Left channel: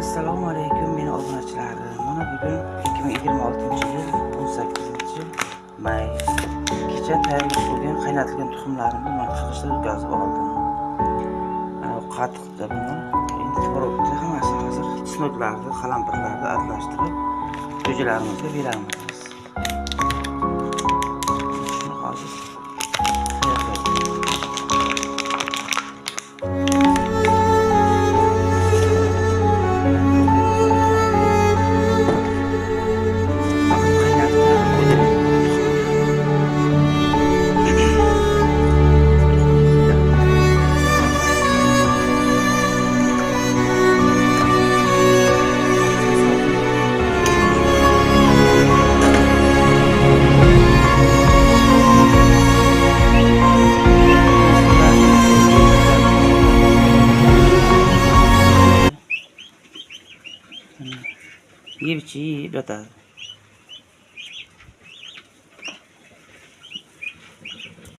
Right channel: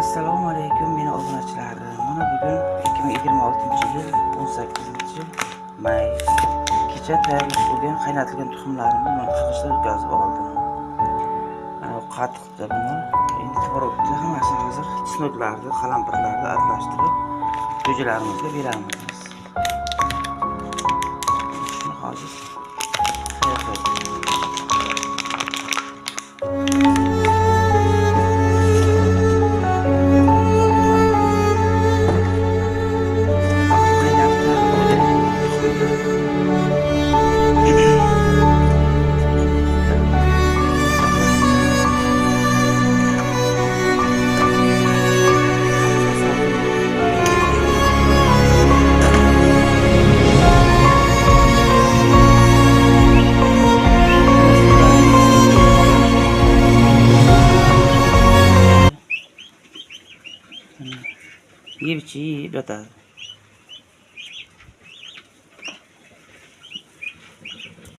Assalomu alaykum meni obunachilarim. Mana bugun 2026-yil 18-may. Kecha tayyorlab bo'lgan qaynatilgan tuxumlarimni mana qirg'ichda o'tkazib oldim. Qatiqda buni endi tvorogda hammasini hozir sno'klarni, qalampirlarni aralashtirib jo'jalarimizga beramiz. Shuni hozir tayyorlaymiz. ये भी चाहिए बता